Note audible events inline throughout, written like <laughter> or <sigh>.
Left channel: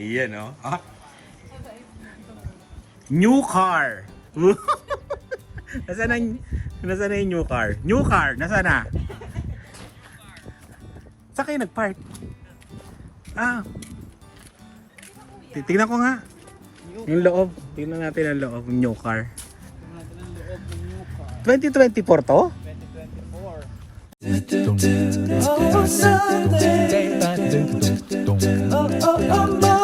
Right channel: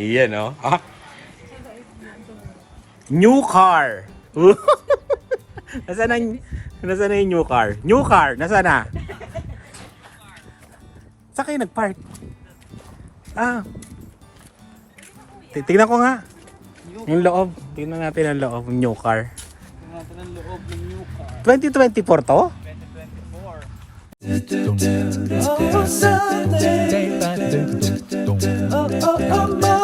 Iyan, oh. Ah. New car. nasaan na, nasaan na yung new car? New car, nasaan na? Saan kayo nag-park? Ah. Titignan ko nga. Yung loob. Tingnan natin ang loob ng new car. 2024 to? Oh, Sunday. Oh, oh, oh, Monday. Oh, Tuesday. Oh, Wednesday. Ooh, Thursday. Oh.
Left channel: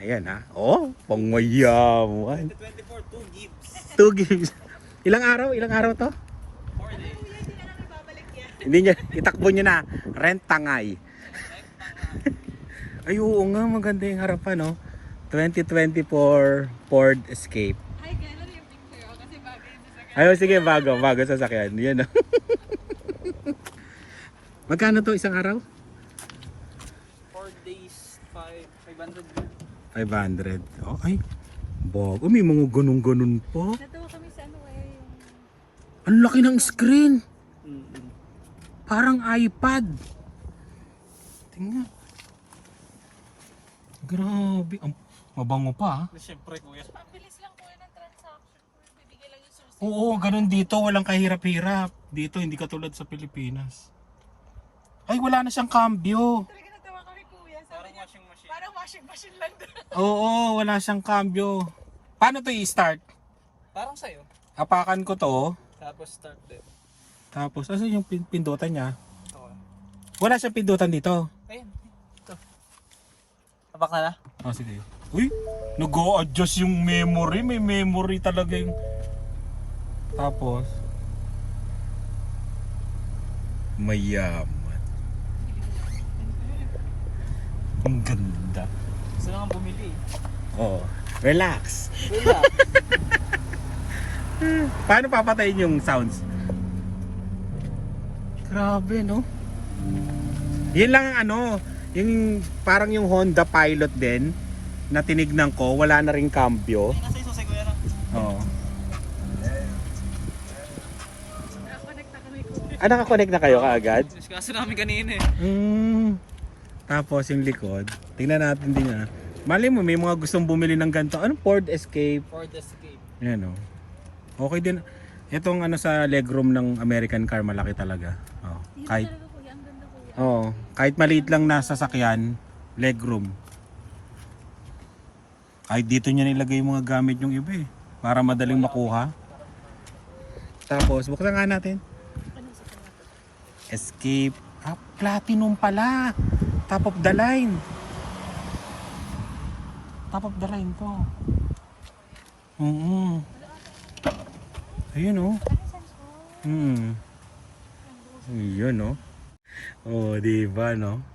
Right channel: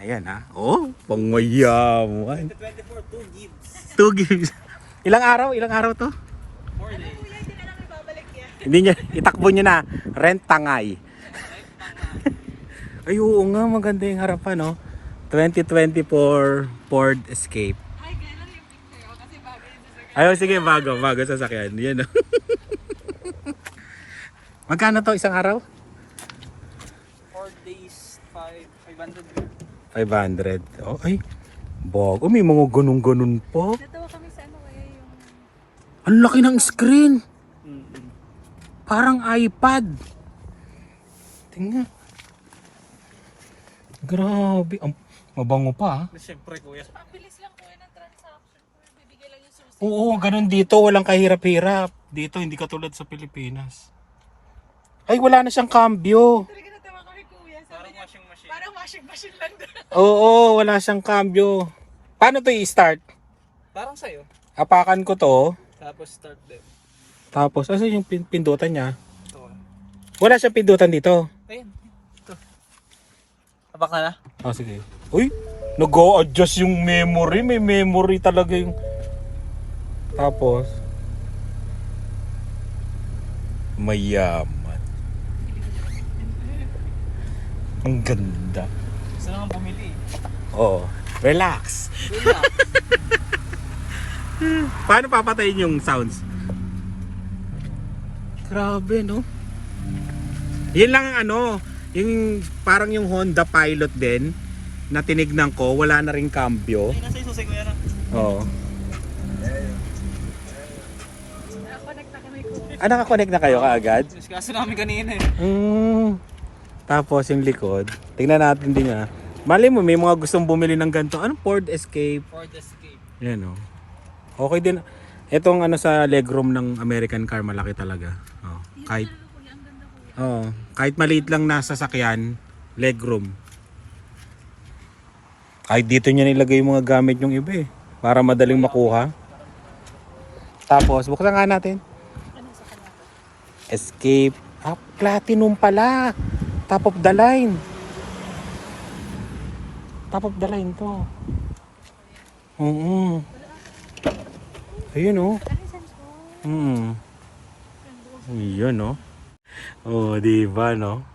Ayan ha. Oh, pangmayaman. 2 gigs. Ilang araw? Ilang araw to? Hindi niya, itakbo niya na. Rent tangay. <laughs> Ay, oo nga, maganda yung harapan, no? 2024 Ford Escape. Ayaw, sige, bago, bago sasakyan. Yan, no? <laughs> Magkano to isang araw? 4 days, 500. 500. Oh, ay. Bago. May mga ganun-ganun pa. Natawa kami sa ano eh, yung Ang laki ng screen. Parang iPad. Tingnan. Grabe. Ang mabango pa. ah. Siyempre, kuya. ang bilis lang kuya ng transaction. Kuya, bibigay lang yung susi. Oo, ganun dito. Walang kahirap-hirap. Dito, hindi katulad sa Pilipinas. Ay, wala na siyang cambio. Talaga natawa kami kuya. Sabi Parang niya, washing machine. parang washing machine lang doon. <laughs> Oo, wala siyang cambio. Paano to i-start? Parang sa'yo. Apakan ko to. Tapos start din. Tapos, asa yung pin- pindutan niya? Ito. Wala siyang pindutan dito. Ayun. Ito. Apak na na? Ah, sige. Uy, nag-adjust yung memory. May memory talaga yung... Tapos... Mayaman. Ang ganda. Gusto lang ang pamili. Oh, relax. Diba? <laughs> Paano papatayin yung sounds? Grabe, no? Yun lang ang ano, yung parang yung Honda Pilot din na tinignan ko, wala na rin cambio. Ay, nasa isusay kuya na. Oo. Ah, nakakonect na kayo kaagad? Kaso namin kanina eh. Mm. Tapos yung likod, tingnan natin din nga. Mali mo, may mga gustong bumili ng ganito. Anong Ford Escape? Ford Escape. Yan o. Okay din. Itong ano sa legroom ng American car, malaki talaga. Oh, kahit, oh, kahit maliit lang nasa sakyan, legroom. Kahit dito niya nilagay yung mga gamit yung iba eh. Para madaling makuha. Tapos, buksan nga natin. Escape. Ah, platinum pala. Top of the line. Top of the line to. Oo. Ayun oh. Hmm. Yun oh. Oh, di ba no?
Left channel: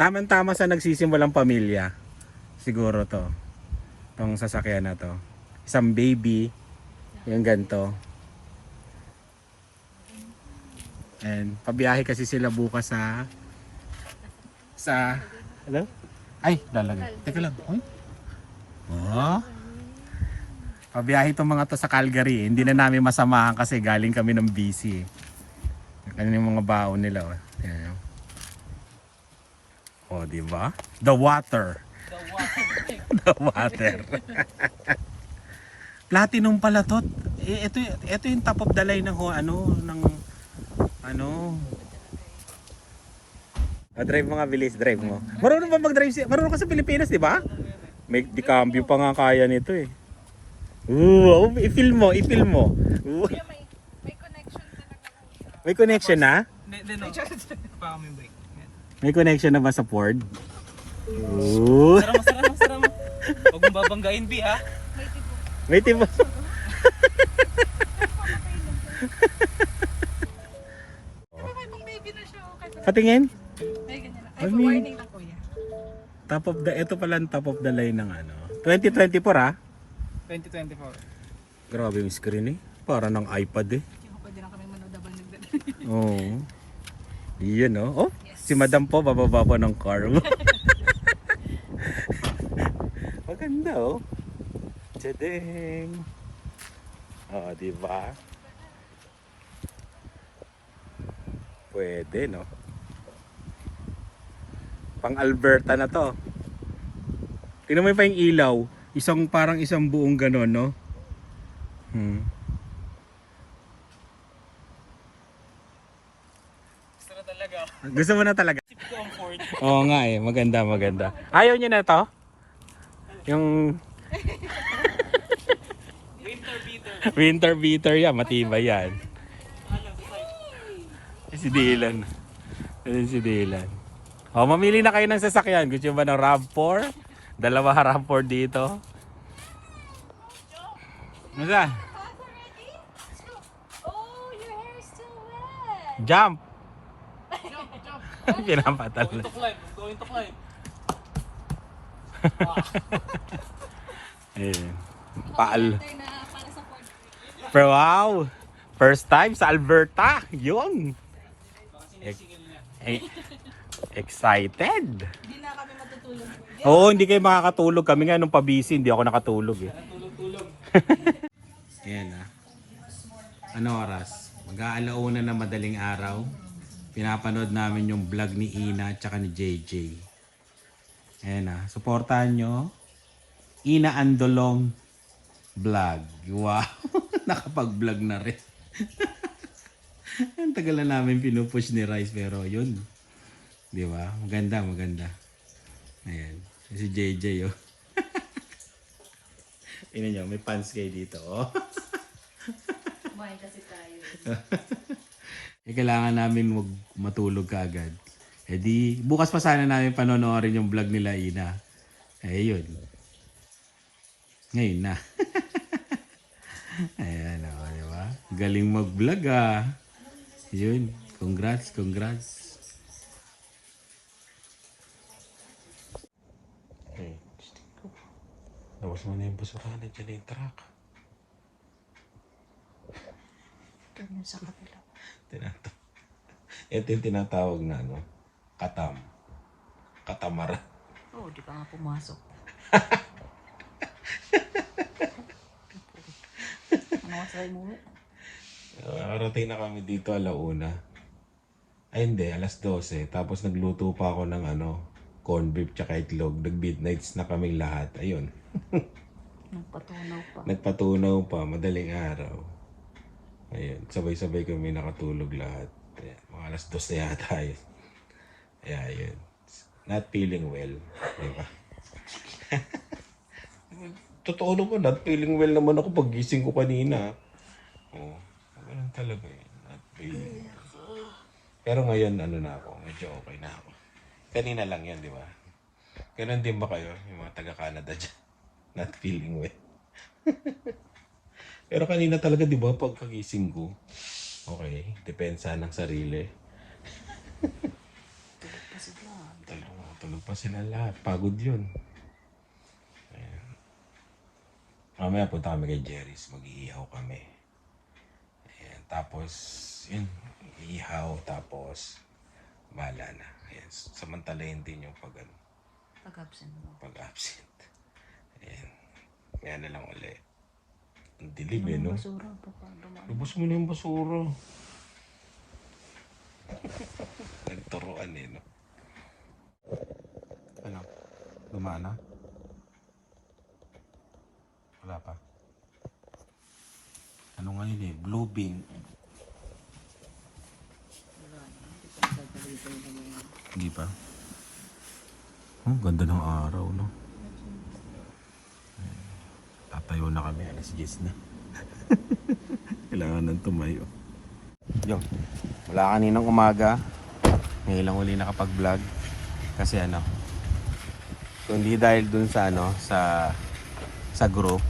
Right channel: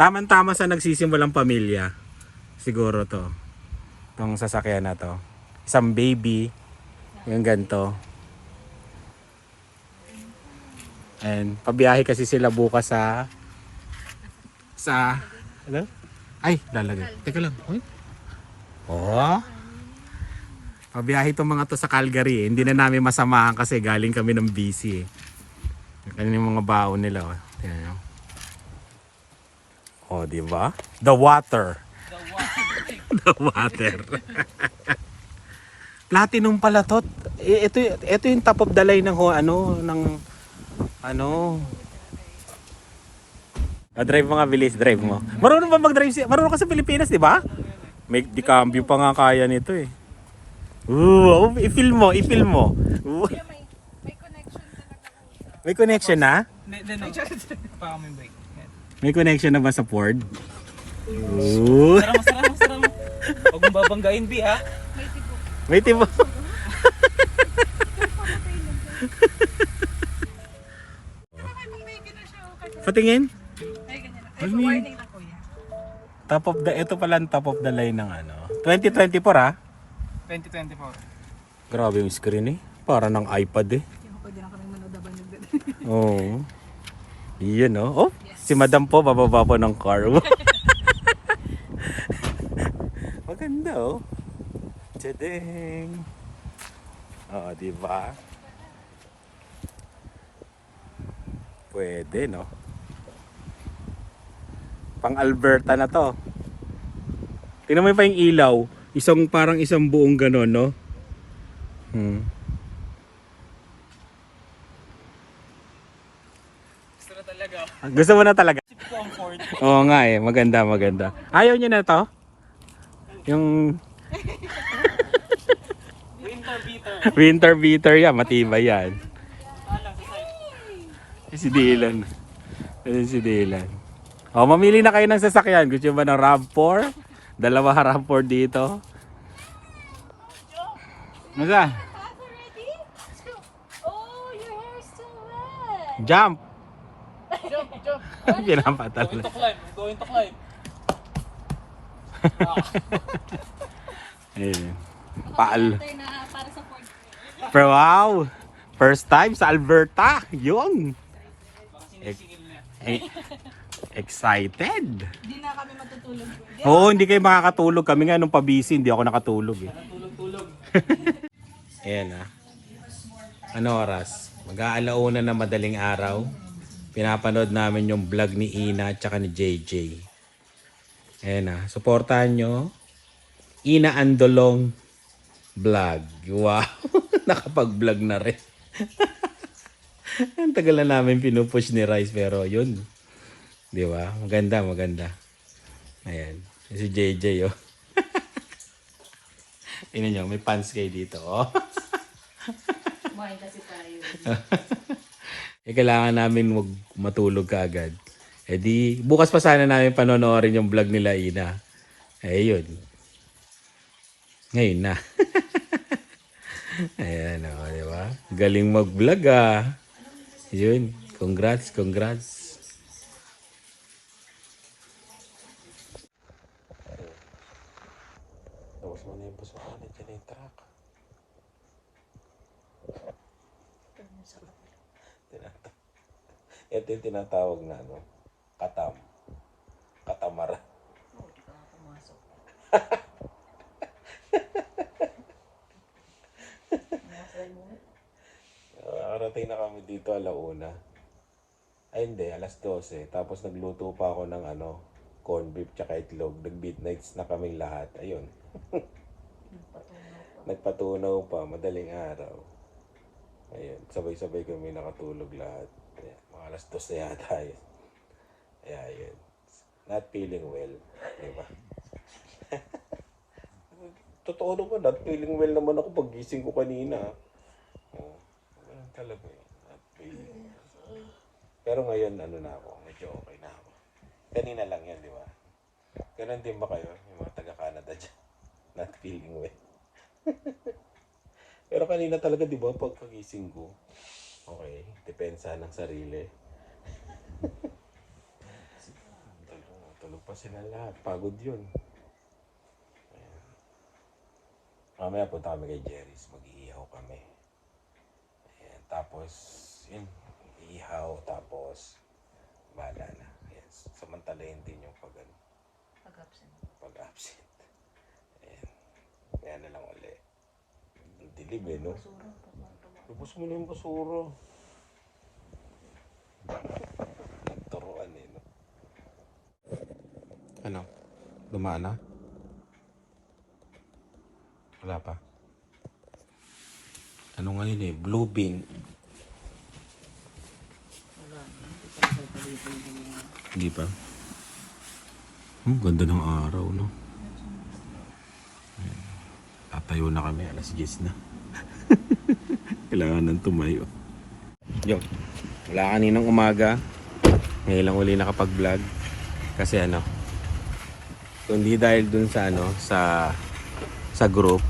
Tama-tama sa nagsisimulang pamilya. Siguro to. Tong sasakyan na to. Isang baby. Yung ganito. And pabiyahe kasi sila bukas sa sa ano? Ay, lalagay. Teka lang. Ay. Oh. Pabiyahe itong mga to sa Calgary. eh. Hindi na namin masamahan kasi galing kami ng busy. Eh. Kanina yung mga baon nila. Oh. Tingnan nyo. Oh, di ba? The water. <laughs> The water. <laughs> Platinum pala to. Eh, ito, ito yung top of the line ng ano ng ano Ah, drive mo nga bilis, drive mo. Marunong ba mag-drive si Marunong ka sa Pilipinas, di ba? May di cambio pa nga kaya nito eh. Oo, i-film mo, i-film mo. May connection na? May connection na ba sa Ford? Oo. Sarama, sarama, sarama. Huwag mong babanggain, B, ha? May tibo. Ay, pang baby na siya. Okay. Patingin. Ay, may- warning na kuya. Top of the, ito pala ang top of the line ng ano. 2024 ah. 2024. Grabe yung screen eh. Para ng iPad eh. Pwede lang kami manood habang nagdad. Oo. Iyan oh. Oh, si Madam po bababa po ng car. <laughs> <laughs> Maganda oh. Tadang! Oh, di ba? Pwede, no? Pang Alberta na to. Tingnan mo pa yung ilaw. Isang parang isang buong ganon, no? Hmm. Gusto na talaga. Gusto mo na talaga? Oo nga eh, maganda, maganda. Ayaw niyo na to? Yung Winter beater. winter beater yan, matibay yan. Side. Si Dylan. Ayun si Dylan. O, mamili na kayo ng sasakyan. Gusto ba ng RAV4? Dalawa <laughs> RAV4 dito. Nasa? already? Oh, your hair is still wet. Jump! Jump, jump. Pinapatal. Going to climb. I'm going to climb. <laughs> Ayun. Paal. Pero wow! First time sa Alberta. Yun. E- Excited. Hindi na kami matutulog. Oo, hindi kayo makakatulog. Kami nga nung pabisi, hindi ako nakatulog eh. Tulog-tulog. Ayan ah. Ano oras? Mag-aalauna na madaling araw. Pinapanood namin yung vlog ni Ina at saka ni JJ. Ayan ah. Suportahan nyo. Ina Andolong vlog. Wow. <laughs> Nakapag-vlog na rin. <laughs> Ang tagal na namin pinupush ni Rice pero yun. Di ba? Maganda, maganda. Ayan. Si JJ oh. <laughs> Tingnan nyo, may pants kayo dito oh. Kumain kasi tayo. Eh, kailangan namin wag matulog kaagad. Eh di, bukas pa sana namin panonoorin yung vlog nila Ina. Eh yun. Ngayon na. <laughs> Ayan o, di ba? Galing mag-vlog ah. Yun. Congrats, congrats. Lawas mo na yung basuhan. Nandiyan na yung truck. Tinata <laughs> Ito yung tinatawag na ano, katam. Katamara. Oo, oh, di pa nga pumasok. <laughs> ano masabi mo? Nakarating na kami dito alauna. Ay hindi, alas 12. Tapos nagluto pa ako ng ano, corn beef tsaka itlog. Nag-midnights na kaming lahat. Ayun. <laughs> Nagpatunaw pa. Nagpatunaw pa, madaling araw. Ayun, sabay-sabay kami nakatulog lahat. Ayan, mga alas 2 na yata yun. Kaya yun. Not feeling well. Di? <laughs> Totoo naman, not feeling well naman ako pag gising ko kanina. Oo, ganun talaga eh. Not feeling well. Pero ngayon, ano na ako, medyo okay na ako. Kanina lang yan, di ba? Ganun din ba kayo, yung mga taga-Canada dyan? <laughs> Not feeling well. <laughs> Pero kanina talaga, di ba, pagkagising ko, okay, depensa ng sarili. Tulog, pa sila lahat. Pagod yun. Ayan. Mamaya punta kami kay Jerry's. Mag-iihaw kami. Ayan. Tapos, yun. Ihaw. Tapos, bala na. Ayan. Samantalayin din yung pag, ano, Pag-absent mo. pag-absent. Ayan. Kaya na lang uli. Ang dilim eh, no? Basura. Lubos mo na yung basura. <laughs> Nagturuan eh, no? Ano? Dumaan na? Wala pa. Ano ngayon eh? Blue bean. Hindi pa. Oh, ganda ng araw, no? Ayan. Tatayo na kami. Alas 10 na. <laughs> Kailangan nang tumayo. Yo, wala kaninang umaga. Ngayon lang uli nakapag-vlog. Kasi ano, kundi dahil dun sa ano, sa sa group,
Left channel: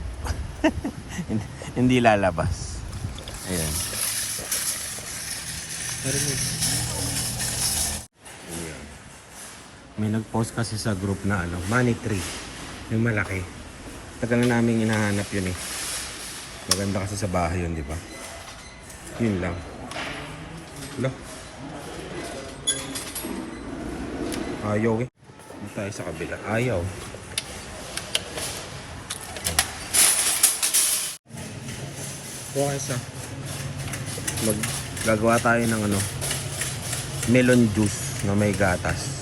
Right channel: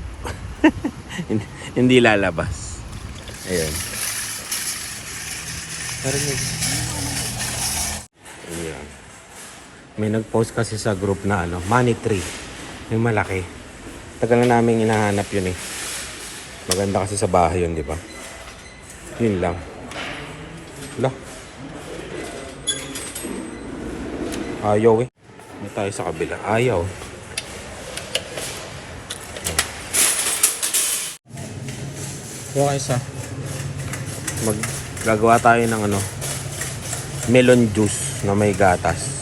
<laughs> hindi, hindi lalabas. Ayan. Pero Ayan. May nag-post kasi sa group na ano, money tree. Yung malaki. Tagal na namin hinahanap yun eh. Maganda kasi sa bahay yun, di ba? Yun lang. Wala. Ayaw eh. May tayo sa kabila. Ayaw. Kuha isa. Maggagawa tayo ng ano, melon juice na may gatas.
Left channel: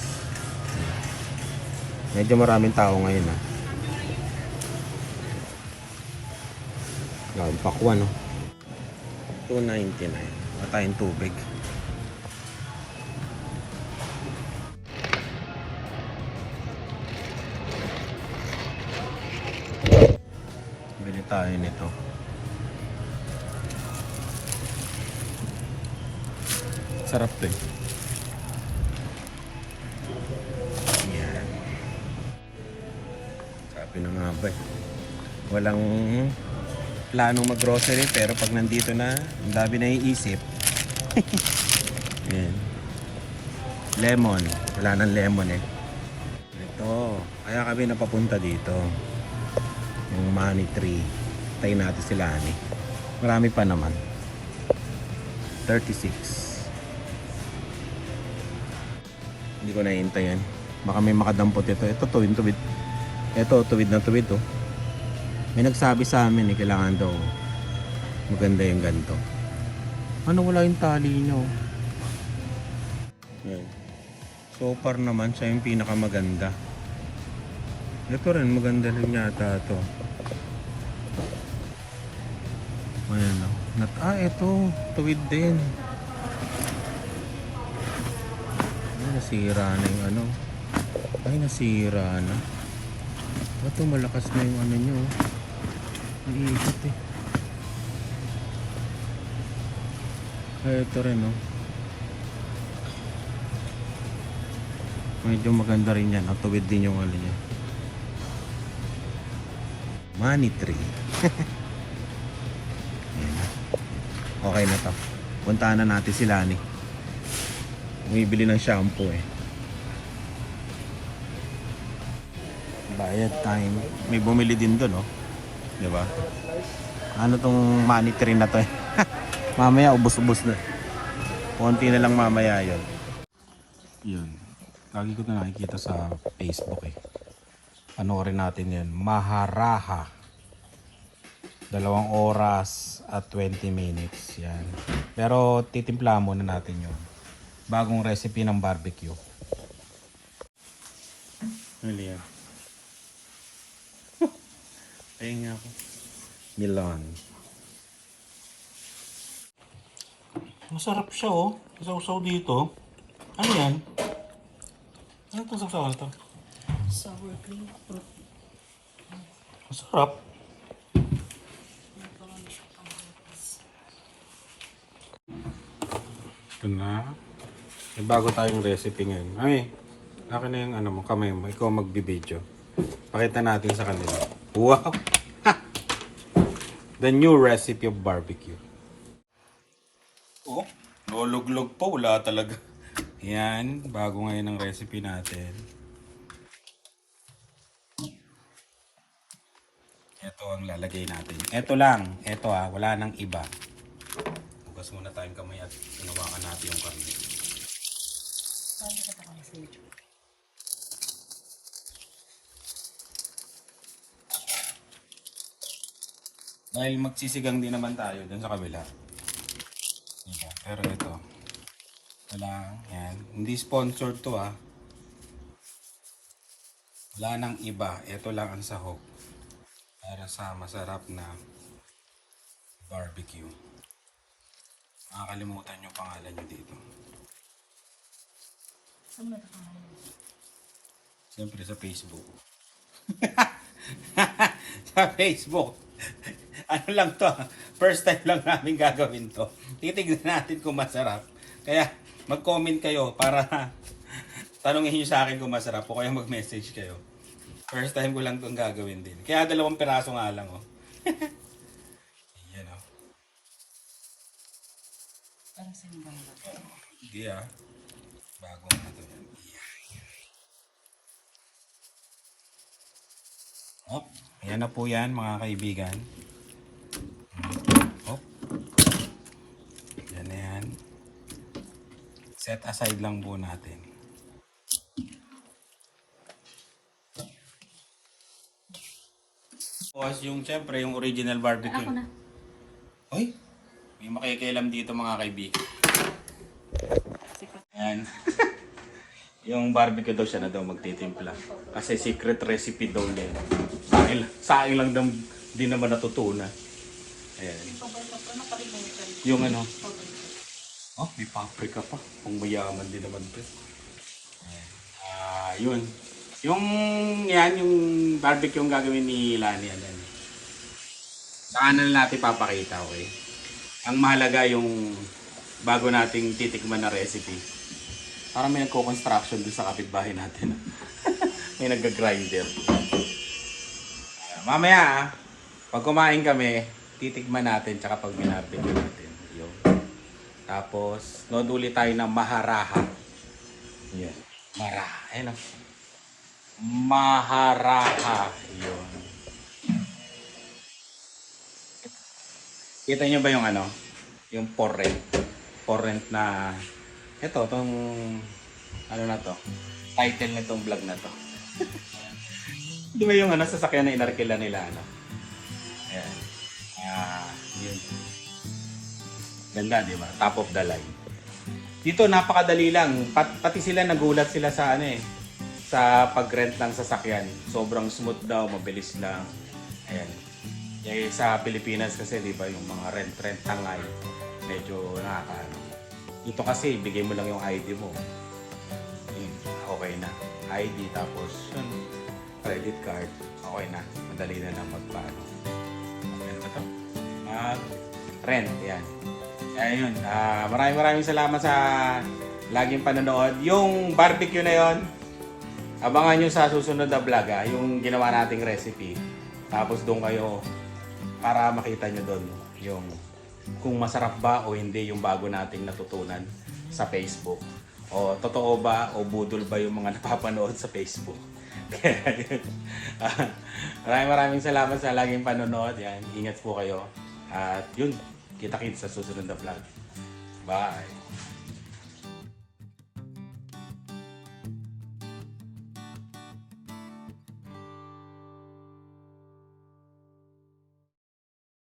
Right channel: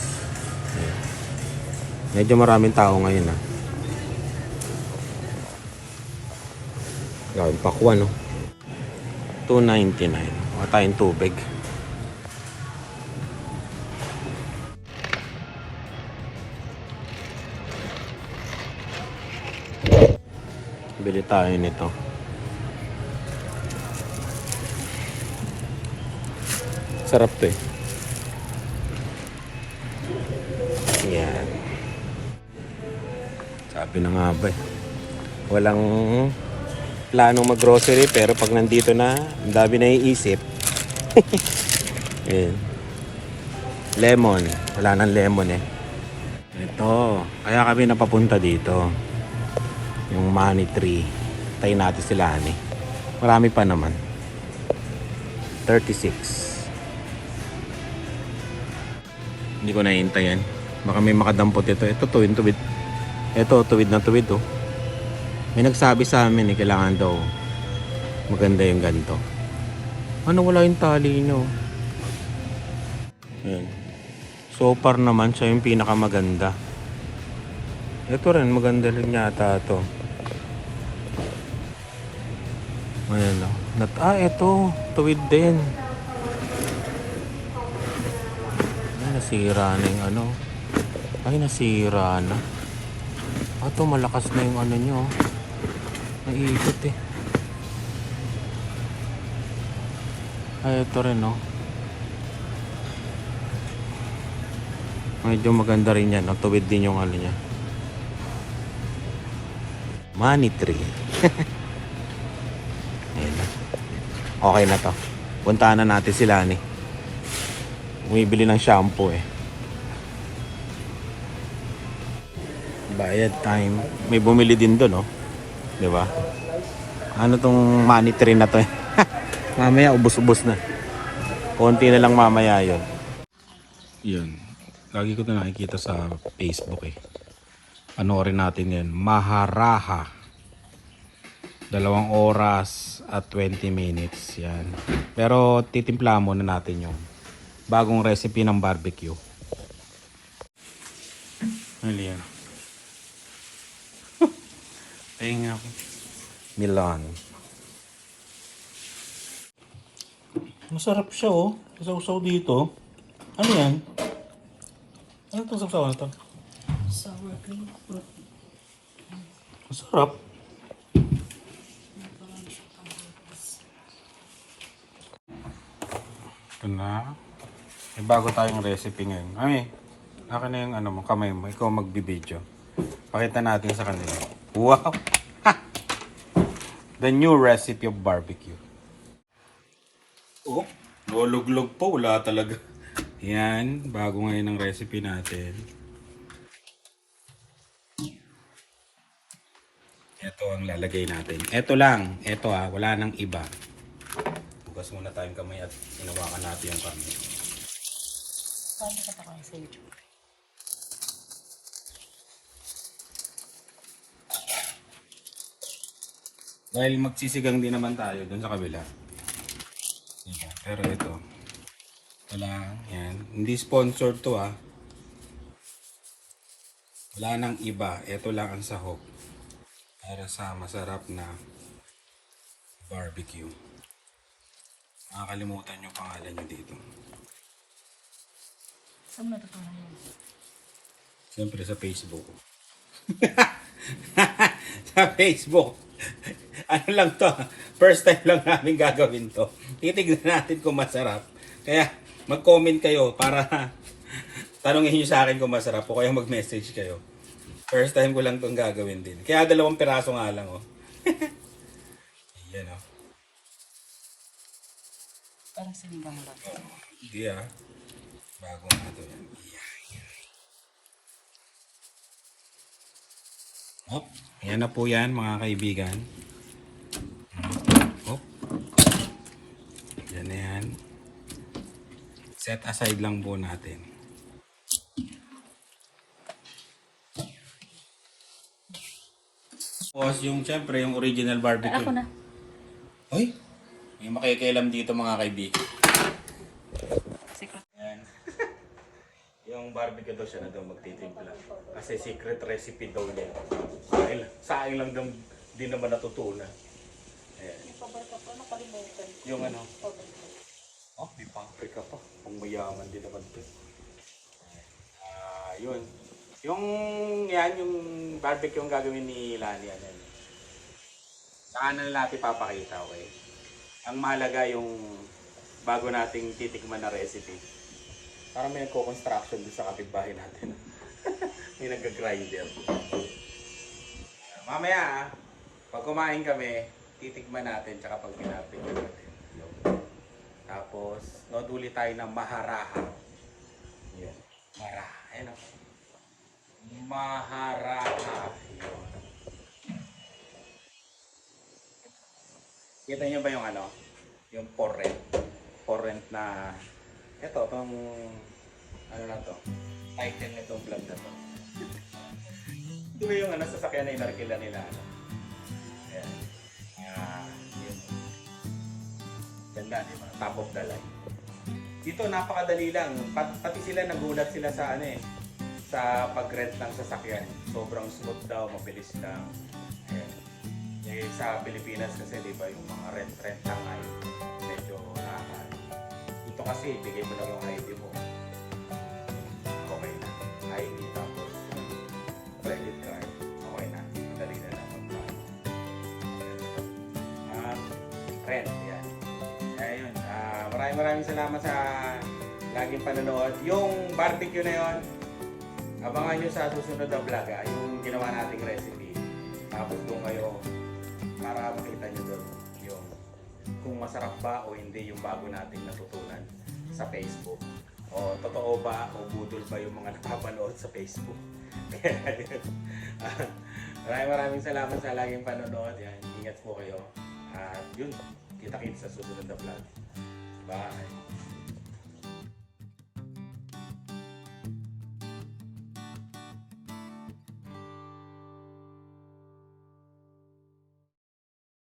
Medyo maraming tao ngayon ah. Gawin pakwan no. 2.99. Kuha tayong tubig. Bili tayo nito. Sarap to eh. Yan. Sabi na nga ba eh. Walang planong mag-grocery pero pag nandito na, ang dami na iisip. <laughs> Yan. Lemon. Wala nang lemon eh. Ito. Kaya kami napapunta dito. Yung money tree. Tayo natin sila ani. Marami pa naman. 36. Hindi ko naiintayan. Baka may makadampot ito. Ito tuwid tuwid. Ito tuwid na tuwid oh. May nagsabi sa amin eh, kailangan daw maganda yung ganito. Ano wala yung tali nyo? Ayan. So far naman siya yung pinakamaganda. Ito rin maganda rin yata to. Ayan. Nat ah, ito. Tuwid din. Ay, nasira na yung ano. Ay, nasira na. Ah, to malakas na yung ano nyo. Naiikot eh. Ay, ito rin no. Medyo maganda rin yan. no? Tuwid din yung ano niya. Money tree. <laughs> Ayan na. Okay na to. Puntahan na natin sila ni. Bumibili ng shampoo eh. Bayad time. May bumili din doon, no? Di ba? Ano tong money tree na to eh? <laughs> mamaya ubos-ubos na. Konti na lang mamaya yon. Yun. Lagi ko na nakikita sa Facebook eh. Panoorin natin yan. Maharaha. Dalawang oras at 20 minutes. Yan. Pero titimpla muna natin yung bagong recipe ng barbecue. Ano yan? Tenga. Milan. Masarap siya oh. Isaw-saw dito. Ano yan? Ano itong sasawan ito? Sour cream. Masarap. Ito na. May bago tayong recipe ngayon. Ay, akin na yung ano mo, kamay mo. Ikaw magbibideo. Pakita natin sa kanila. Wow! <laughs> The new recipe of barbecue. Oh, luluglog po. Wala talaga. Yan, bago ngayon ang recipe natin. Ito ang lalagay natin. Ito lang. Ito ah, wala nang iba. Bukas muna tayong kamay at inawakan natin yung karne. Paano ka sa YouTube? Dahil magsisigang din naman tayo dun sa kabila. Diba? Pero ito. Ito lang. Yan. Hindi sponsored to ha. Wala nang iba. Ito lang ang sahog. Para sa masarap na barbecue. Nakakalimutan yung pangalan nyo dito. Saan mo natutunan mo? Siyempre sa Facebook. <laughs> sa Facebook. <laughs> ano lang to, first time lang namin gagawin to. Titignan natin kung masarap. Kaya mag-comment kayo para <laughs> tanongin nyo sa akin kung masarap o kaya mag-message kayo. First time ko lang itong gagawin din. Kaya dalawang piraso nga lang oh. <laughs> Yan oh. Parang sinigang lang. Hindi ah. Bago nga ito yan. Hop. Ayan na po yan mga kaibigan. Hop. Yan na yan. Set aside lang po natin. Tapos yung syempre yung original barbecue. Ako na. Uy, may makikialam dito mga kaibigan. Yan. <laughs> yung barbecue daw siya na daw magtitimpla. Kasi secret recipe daw niya. Sa akin, sa akin lang daw di naman natutunan. Yung ano. Oh, may paprika pa. Kung mayaman din naman. Ayan. Ah, yun. Yung yan, yung barbecue yung gagawin ni Lani. Ano, yan. Saan na natin papakita, okay? Ang mahalaga yung bago nating titikman na recipe. Parang may nagko-construction dun sa kapitbahay natin. <laughs> may nag-grinder. mamaya, ah, pag kumain kami, titikman natin tsaka pag binarbecue. Tapos, nood ulit tayo ng maharaha. Yan. Maraha. Ayan o. Maharaha. Yun. Kita nyo ba yung ano? Yung porrent. Porrent na... Ito, tong... Ano na to? Title nitong vlog na to. <laughs> Di ba yung ano, sasakyan na inarkila nila? Ano? Ganda, di ba? Top of the line. Dito, napakadali lang. Pat, pati sila nagulat sila sa ano eh. Sa pag-rent ng sasakyan. Sobrang smooth daw, mabilis lang. Ayan. Eh, sa Pilipinas kasi, di ba, yung mga rent-rent na nga medyo nakaka... Ito kasi, bigay mo lang yung ID mo. Okay na. ID, tapos credit card, okay na. Madali na na magpaano. Yan ba to? Ah, rent, yan. Yan yun. Ah, maraming maraming salamat sa laging panonood. Yung barbecue na yon, abangan nyo sa susunod na vlog ah, yung ginawa nating recipe. Tapos doon kayo para makita nyo doon yung kung masarap ba o hindi yung bago nating natutunan sa Facebook. O totoo ba o budol ba yung mga <laughs> napapanood sa Facebook. <laughs> Ah, maraming maraming salamat sa laging panonood. Yan, ingat po kayo. At yun, kita-kits sa susunod na vlog. Bye!